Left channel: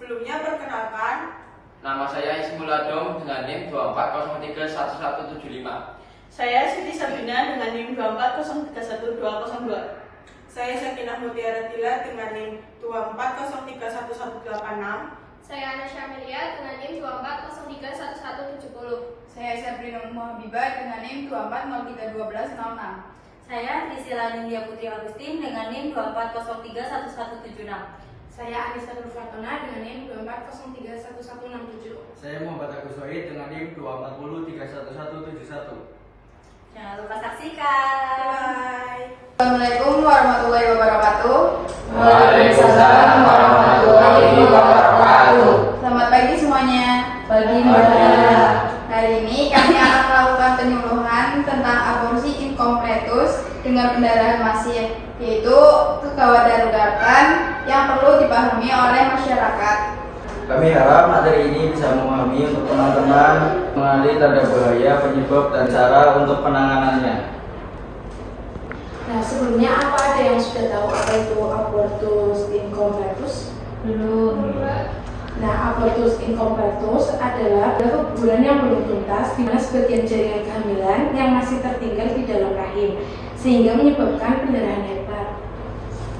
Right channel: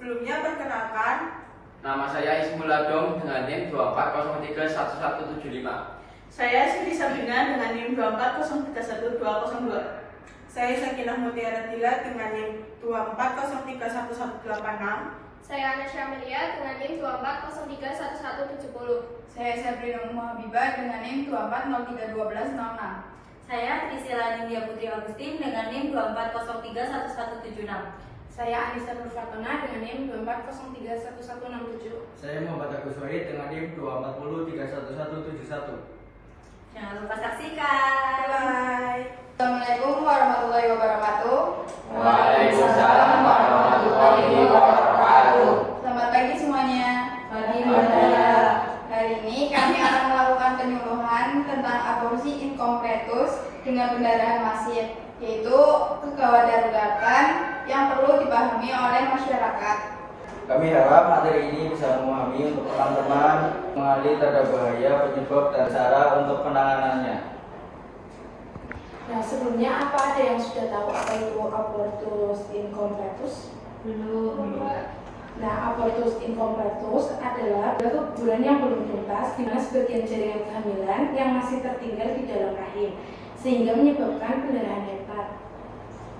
Sebelumnya perkenalkan, Nama saya Ismul Adong dengan NIM 240311175. saya Siti Sabina dengan NIM 240311202. Saya Sakinah Mutiara Dila dengan NIM 240311186. Saya Anasya Amelia dengan NIM 240311170. Saya Sabrina Habibah dengan NIM 240311206. Saya Trisila Nindya Putri Agustin dengan NIM 240311176. Saya Anissa Nur Fatona dengan NIM 240311167. Saya Muhammad Agus Wahid dengan NIM 240311171. Jangan lupa saksikan. Bye. Assalamualaikum warahmatullahi wabarakatuh. Waalaikumsalam warahmatullahi wabarakatuh. Selamat pagi semuanya. Pagi Hari ini kami akan melakukan penyuluhan tentang aborsi incompletus dengan pendarahan masif, yaitu kegawat daruratan yang perlu dipahami oleh masyarakat. Kami harap materi ini bisa memahami untuk teman-teman mengenali tanda bahaya, penyebab, dan cara untuk penanganannya. Nah, sebelumnya apa ada yang sudah tahu apa itu abortus incompletus? Belum. Nah, abortus incompletus adalah keguguran yang belum tuntas di mana sebagian jaringan kehamilan yang masih tertinggal di dalam rahim sehingga menyebabkan pendarahan hebat.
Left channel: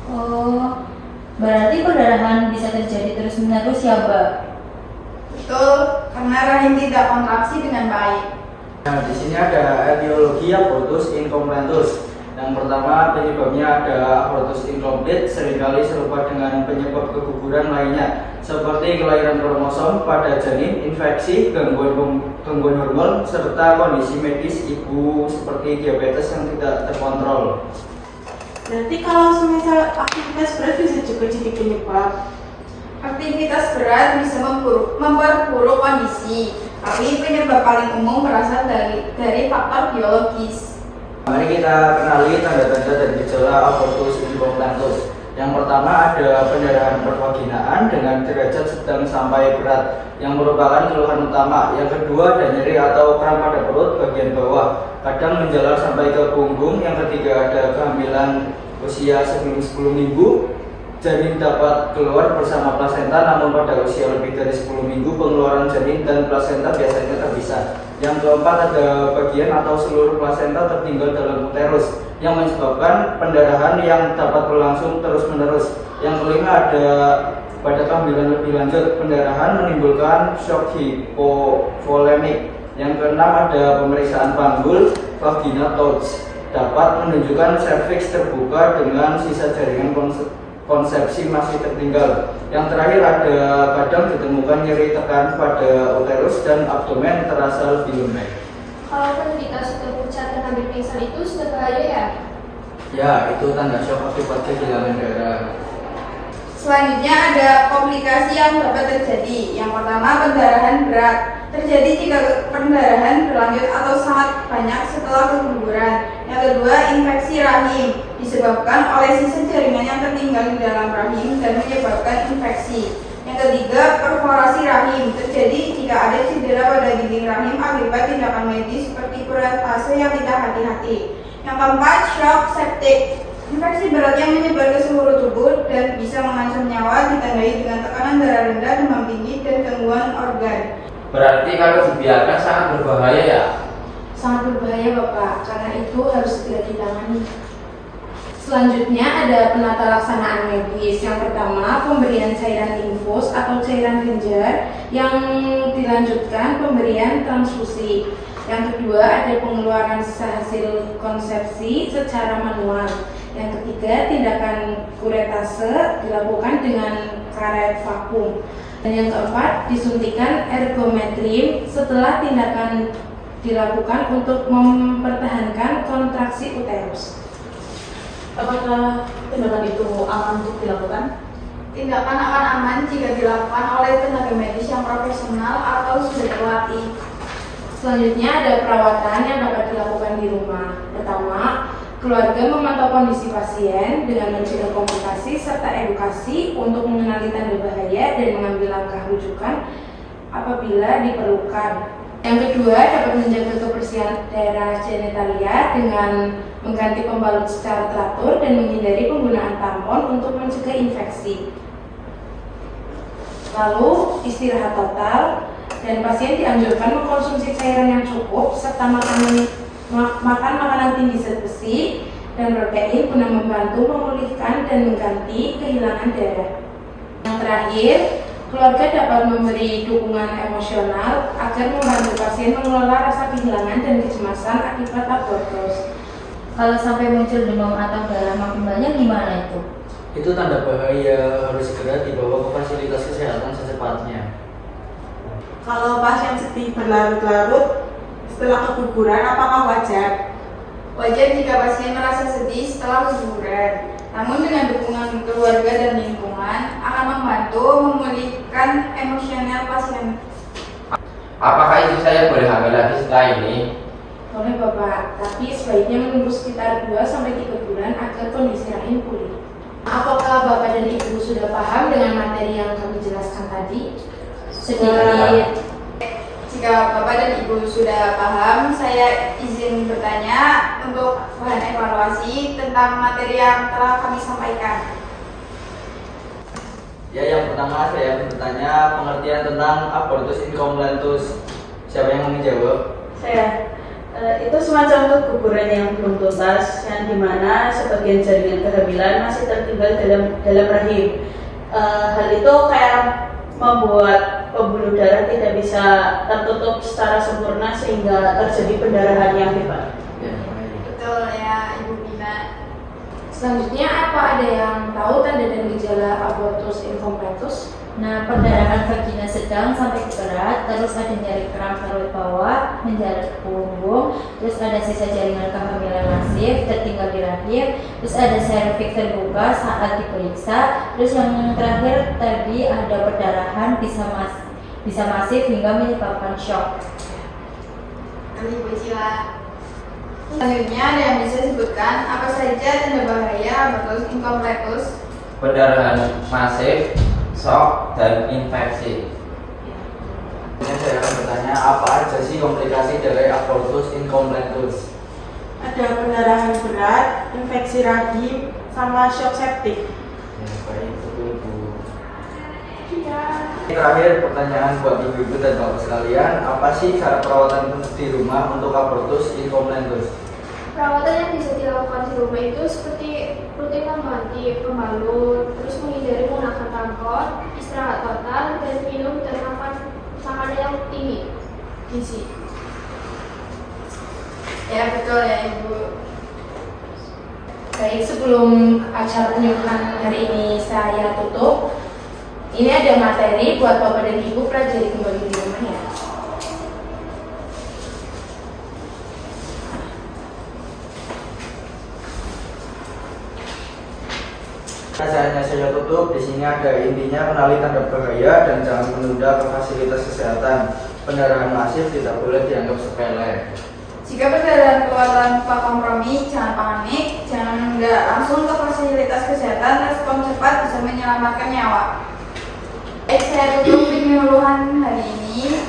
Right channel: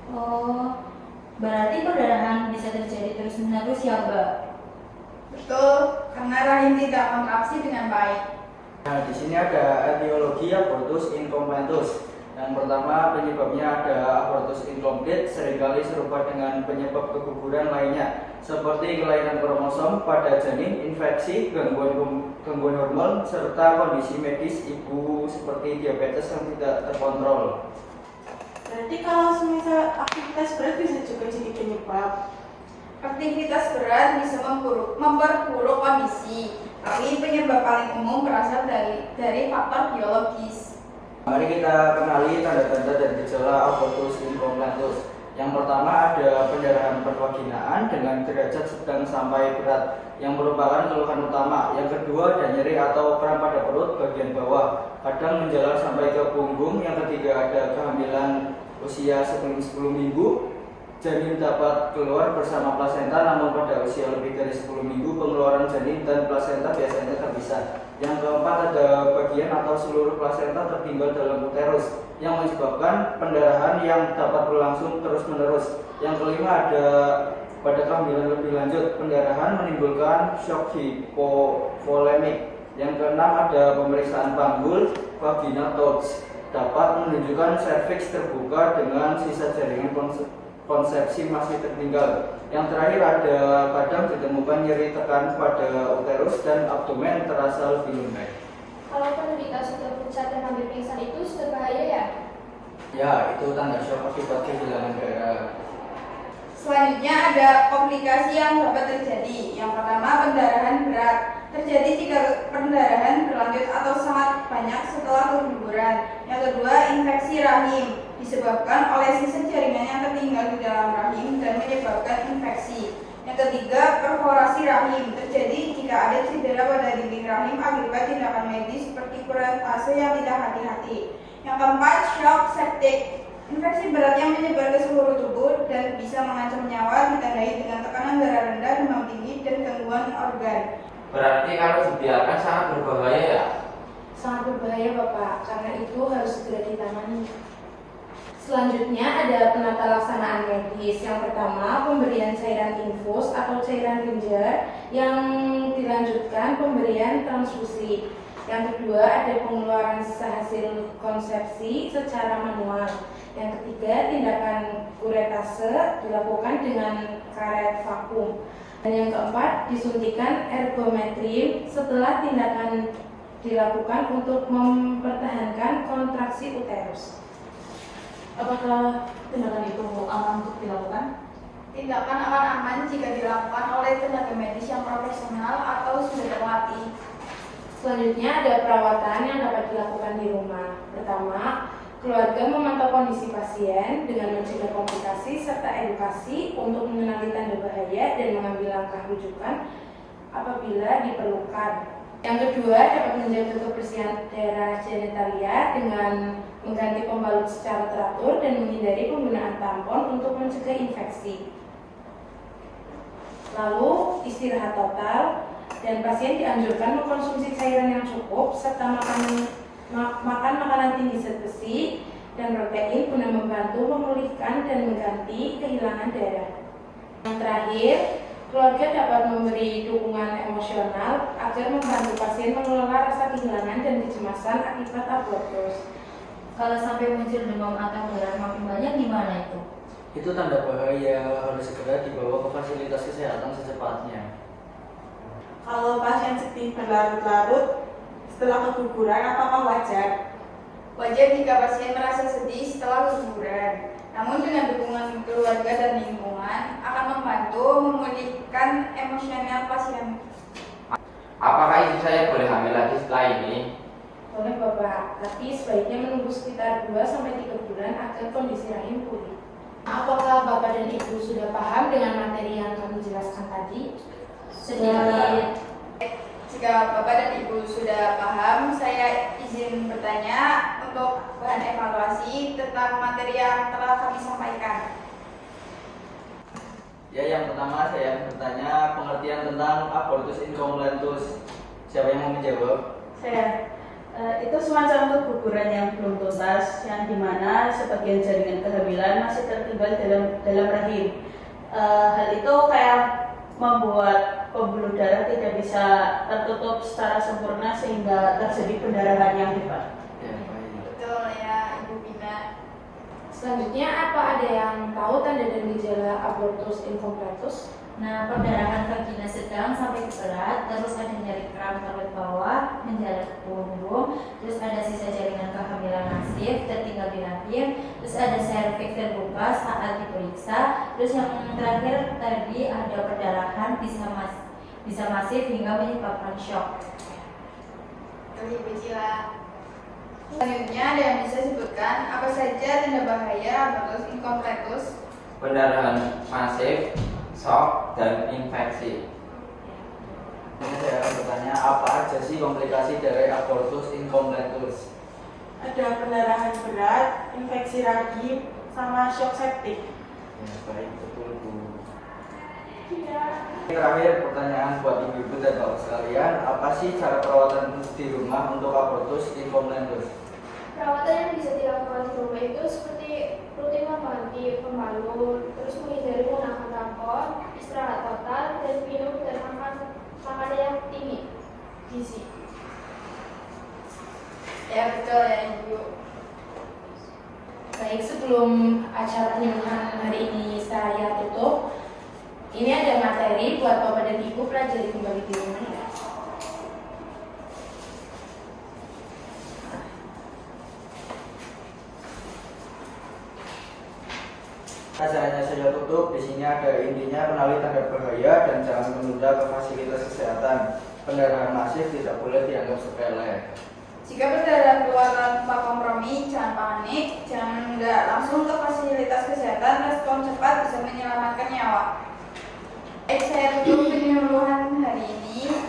Oh, berarti perdarahan bisa terjadi terus-menerus ya, Mbak? Betul, karena rahim tidak kontraksi dengan baik. Nah, di sini ada etiologi abortus incompletus. Yang pertama, penyebabnya ada abortus incomplete, seringkali serupa dengan penyebab keguguran lainnya, seperti kelainan kromosom pada janin, infeksi, gangguan hormon, serta kondisi medis ibu seperti diabetes yang tidak terkontrol. Nanti kalau semisal aktivitas berat bisa juga jadi penyebab. Aktivitas berat bisa memperburuk kondisi, tapi penyebab paling umum berasal dari faktor biologis. Mari kita kenali tanda-tanda dan gejala abortus incompletus. Yang pertama ada pendarahan pervaginaan dengan derajat sedang sampai berat yang merupakan keluhan utama. Yang kedua ada nyeri atau kram pada perut bagian bawah, kadang menjalar sampai ke punggung. Yang ketiga ada kehamilan usia sebelum 10 minggu. Janin dapat keluar bersama plasenta, namun pada usia lebih dari 10 minggu pengeluaran janin dan plasenta biasanya terpisah. Yang keempat ada bagian atau seluruh plasenta tertinggal dalam uterus yang menyebabkan pendarahan yang dapat berlangsung terus-menerus. Yang kelima ada pada kehamilan lebih lanjut, pendarahan menimbulkan shock hipovolemik. Yang keenam ada pemeriksaan panggul vagina touch, dapat menunjukkan serviks terbuka dengan sisa jaringan konsepsi masih tertinggal. Yang terakhir ada kadang ditemukan nyeri tekan pada uterus dan abdomen terasa lebih lembek. Kalau penderita sudah pucat dan hampir pingsan itu sudah bahaya ya? Ya, itu tanda shock akibat kehilangan darah. Selanjutnya ada komplikasi yang dapat terjadi. Yang pertama, pendarahan berat. Terjadi jika pendarahan berlanjut atau sangat banyak setelah keguguran. Yang kedua, infeksi rahim disebabkan oleh sisa jaringan yang tertinggal di dalam rahim dan menyebabkan infeksi. Yang ketiga, perforasi rahim. Terjadi jika ada cedera pada dinding rahim akibat tindakan medis seperti kuretase yang tidak hati-hati. Yang keempat, shock septic. Infeksi berat yang menyebar ke seluruh tubuh dan bisa mengancam nyawa, ditandai dengan tekanan darah rendah, demam tinggi, dan gangguan organ. Berarti kalau dibiarkan sangat berbahaya ya? Sangat berbahaya Bapak, karena itu harus segera ditangani. Selanjutnya ada penata laksanaan medis. Yang pertama, pemberian cairan infus atau cairan genjar yang dilanjutkan pemberian transfusi. Yang kedua, ada pengeluaran sisa hasil konsepsi secara manual. Yang ketiga, tindakan kuretase dilakukan dengan karet vakum. Dan yang keempat, disuntikan ergometrin setelah tindakan dilakukan untuk mempertahankan kontraksi uterus. Apakah tindakan itu aman untuk dilakukan? Tindakan akan aman jika dilakukan oleh tenaga medis yang profesional atau sudah terlatih. Selanjutnya ada perawatan yang dapat dilakukan di rumah. Pertama, keluarga memantau kondisi pasien dengan mencegah komplikasi serta edukasi untuk mengenali tanda bahaya dan mengambil langkah rujukan apabila diperlukan. Yang kedua, dapat menjaga kebersihan daerah genitalia dengan mengganti pembalut secara teratur dan menghindari penggunaan tampon untuk mencegah infeksi. Lalu istirahat total, dan pasien dianjurkan mengkonsumsi cairan yang cukup serta makan makanan tinggi zat besi dan protein guna membantu memulihkan dan mengganti kehilangan darah. Yang terakhir, keluarga dapat memberi dukungan emosional agar membantu pasien mengelola rasa kehilangan dan kecemasan akibat abortus. Kalau sampai muncul demam atau darah makin banyak gimana itu? Itu tanda bahaya, harus segera dibawa ke fasilitas kesehatan secepatnya. Kalau pasien sedih berlarut-larut setelah keguguran, apakah wajar? Wajar jika pasien merasa sedih setelah keguguran. Namun dengan dukungan keluarga dan lingkungan akan membantu memulihkan emosional pasien. Apakah istri saya boleh hamil lagi setelah ini? Boleh Bapak, tapi sebaiknya menunggu sekitar 2-3 bulan agar kondisi rahim pulih. Apakah Bapak dan Ibu sudah paham dengan materi yang kami jelaskan tadi? Sedikit. Jika Bapak dan Ibu sudah paham, saya izin bertanya untuk bahan evaluasi tentang materi yang telah kami sampaikan. Ya, yang pertama saya bertanya pengertian tentang abortus incompletus. Siapa yang mau menjawab? Saya. Itu semacam keguguran yang belum tuntas, yang dimana sebagian jaringan kehamilan masih tertinggal dalam rahim. Hal itu kayak membuat pembuluh darah tidak bisa tertutup secara sempurna sehingga terjadi pendarahan yang hebat. Ya, baik. Betul ya, Ibu Bina. Selanjutnya, apa ada yang tahu tanda dan gejala abortus incompletus? Nah, perdarahan vagina sedang sampai ke berat, terus ada nyeri kram perut bawah, menjalar ke punggung, terus ada sisa jaringan kehamilan masif, tertinggal di rahim, terus ada serviks terbuka saat diperiksa, terus yang terakhir tadi ada perdarahan bisa masif hingga menyebabkan shock. Ibu Cila. Selanjutnya ada yang bisa disebutkan apa saja tanda bahaya abortus incompletus? Pendarahan masif, shock, dan infeksi. Ini saya akan bertanya apa aja sih komplikasi dari abortus incompletus? Ada pendarahan berat, infeksi rahim, sama shock septik. Ya, baik, betul Bu. Terakhir pertanyaan buat ibu-ibu dan bapak sekalian, apa sih cara perawatan di rumah untuk abortus incompletus? Perawatan yang bisa dilakukan di rumah itu seperti rutin mandi, pembalut, terus menghindari menggunakan tampon, istirahat total, dan minum dan makan makanan yang tinggi gizi. Ya betul ya Ibu. Baik, sebelum acara penyuluhan hari ini saya tutup, ini ada materi buat Bapak dan Ibu pelajari kembali di rumah ya. Acaranya saya tutup. Di sini ada intinya, kenali tanda bahaya dan jangan menunda ke fasilitas kesehatan. Pendarahan masif tidak boleh dianggap sepele. Jika perdarahan keluar tanpa kompromi, jangan panik, jangan langsung ke fasilitas kesehatan, respon cepat bisa menyelamatkan nyawa. Saya tutup penyuluhan hari ini.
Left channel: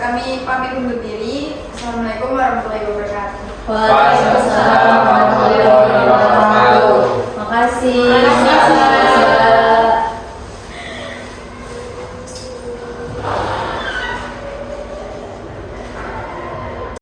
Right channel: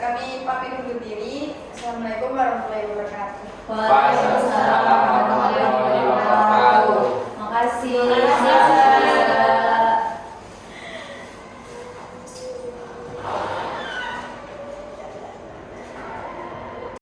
Kami pamit undur diri. Assalamualaikum warahmatullahi wabarakatuh. Waalaikumsalam warahmatullahi wabarakatuh. Makasih. Makasih.